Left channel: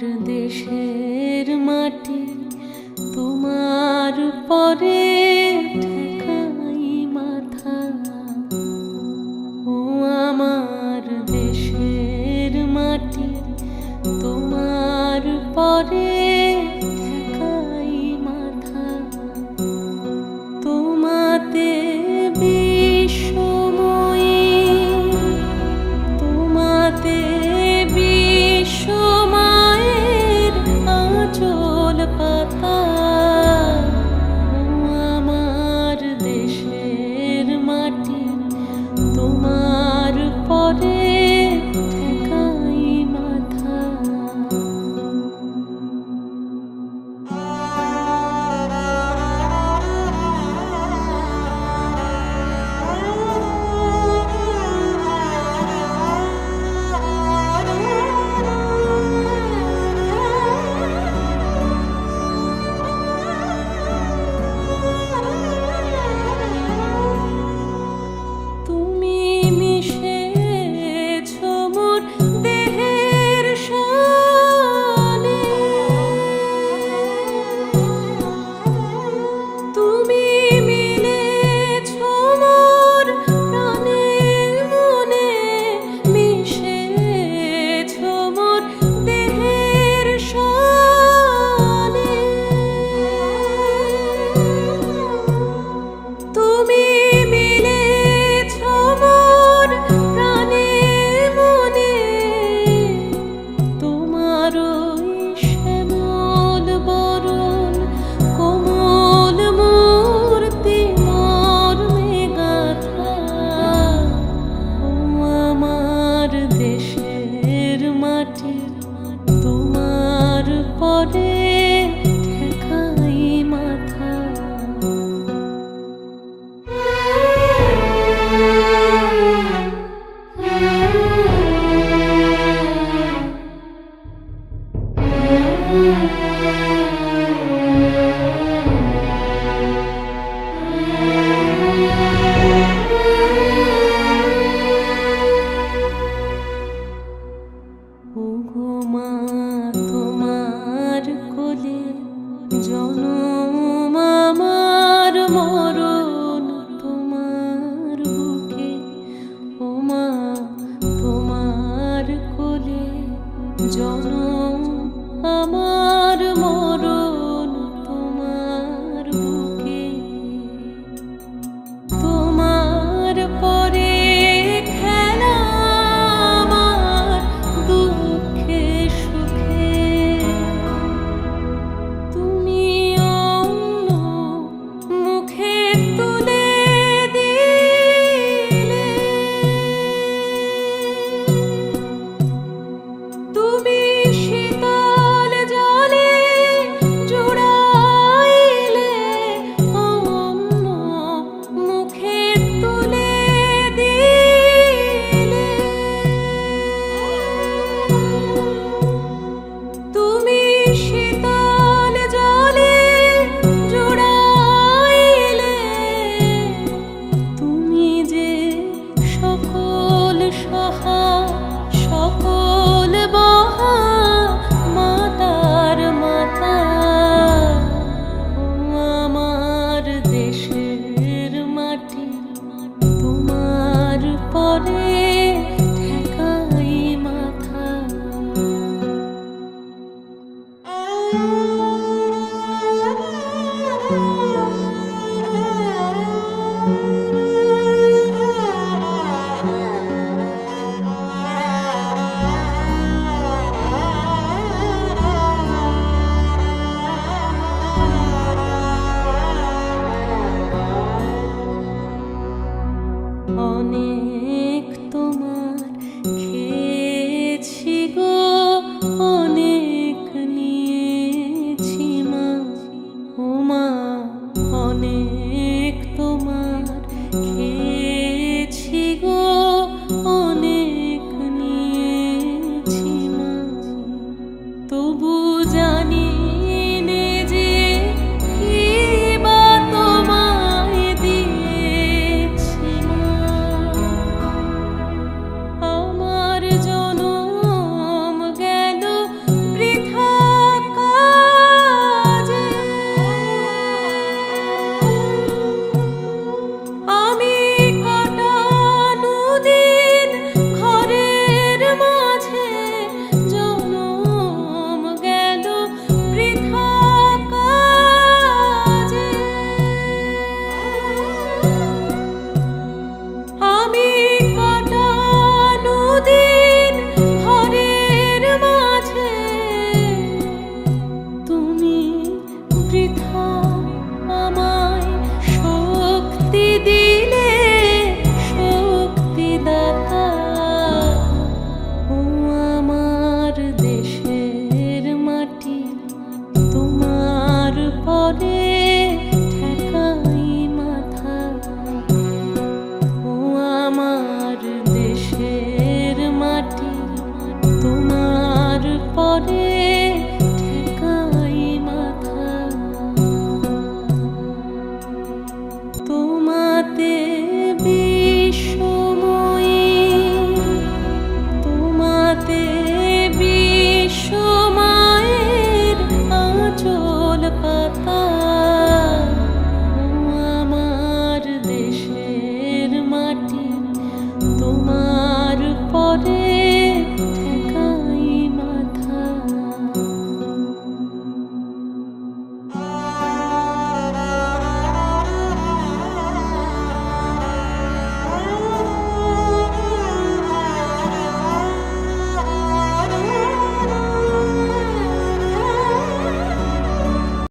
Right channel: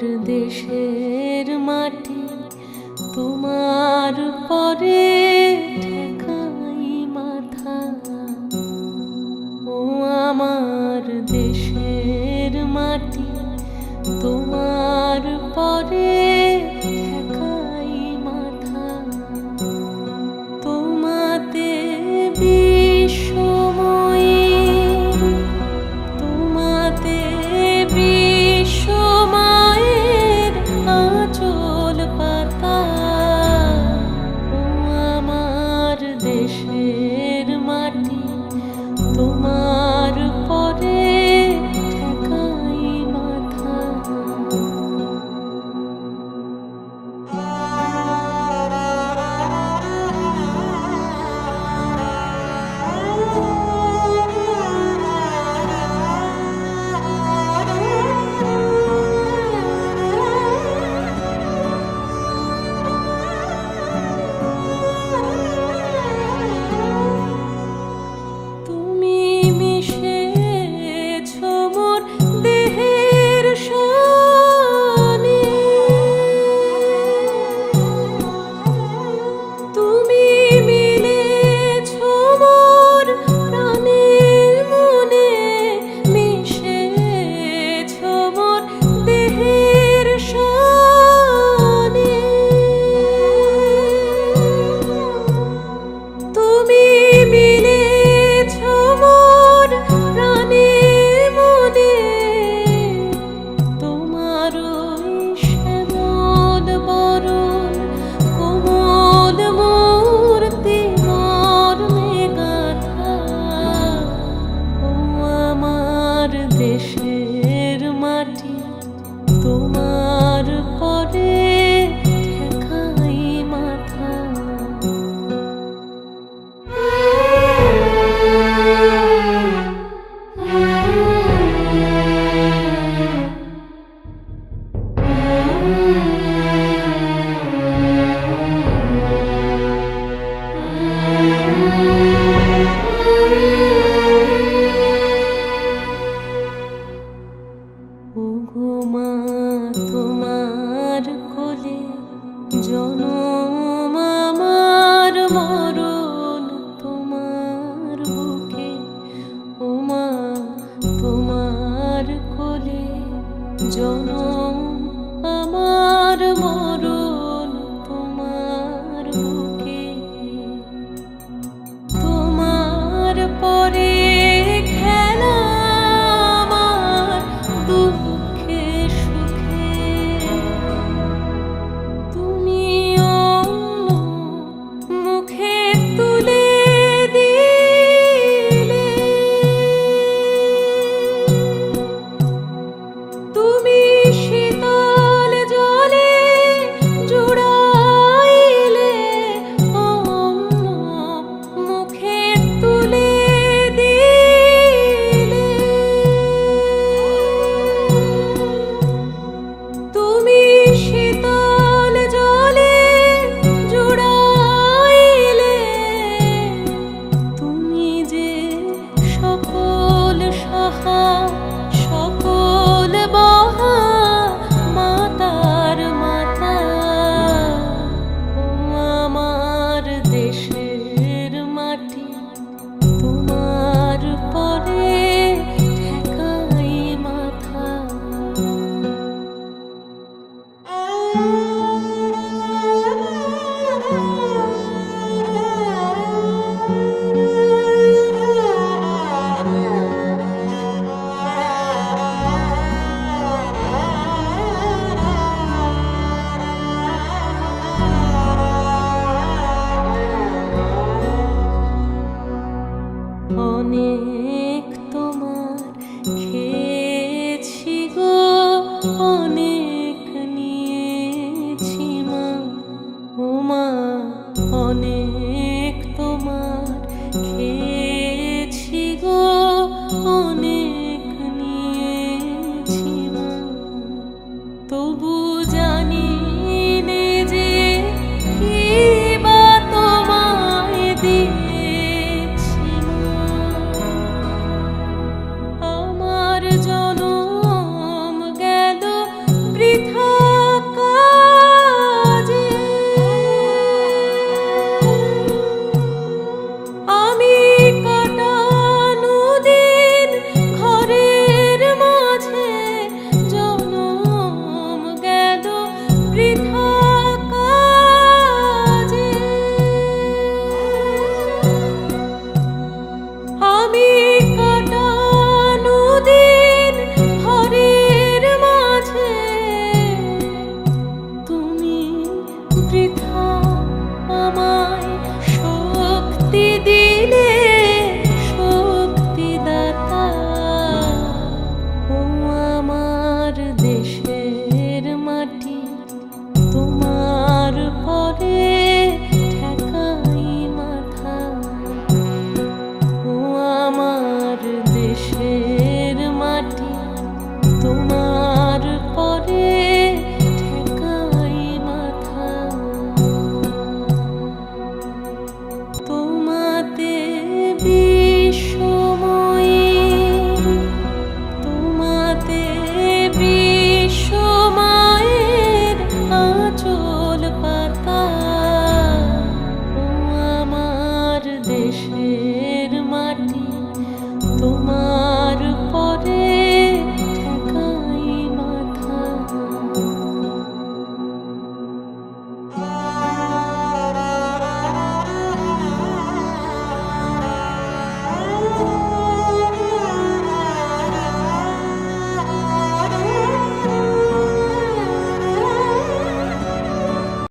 দেশের মাটি তোমার পরে ঠেকাই মাথা। ও আমার দেশের মাটি তোমার পরে ঠেকাই মাথা। তোমাতে বিশ্বময়ের তোমাতে বিশ্বমায়ের আঁচল পাতা। ও আমার দেশের মাটি তোমার পরে ঠেকাই মাথা। দেশের মাটি তোমার পরে ঠেকাই মাথা। ওগো মা তোমার কোলে জনম আমার মরণ তোমার বুকে। ও মা তোমার কোলে জনম আমার মরণ তোমার বুকে। তোমার পরে খেলা আমার দুঃখে সুখে। তুমি অন্য মুখে তুলে দিলে, তুমি শীতল জলে জুড়াইলে, অন্য মুখে তুলে দিলে। তুমি শীতল জলে জুড়াইলে, তুমি যে সকল সহা সকল বহা মাতার মাতা। ও আমার দেশের মাটি তোমার পরে ঠেকাই মাথা। অনেক তোমার খেয়েছি গো, অনেক নিয়েছি মা। ও মা অনেক তোমার খেয়েছি গো, অনেক নিয়েছি মা। তবু জানি নে যে কি বা তোমায় দিয়েছি মা। আমার জনম গেল বৃথা। তোমার পরে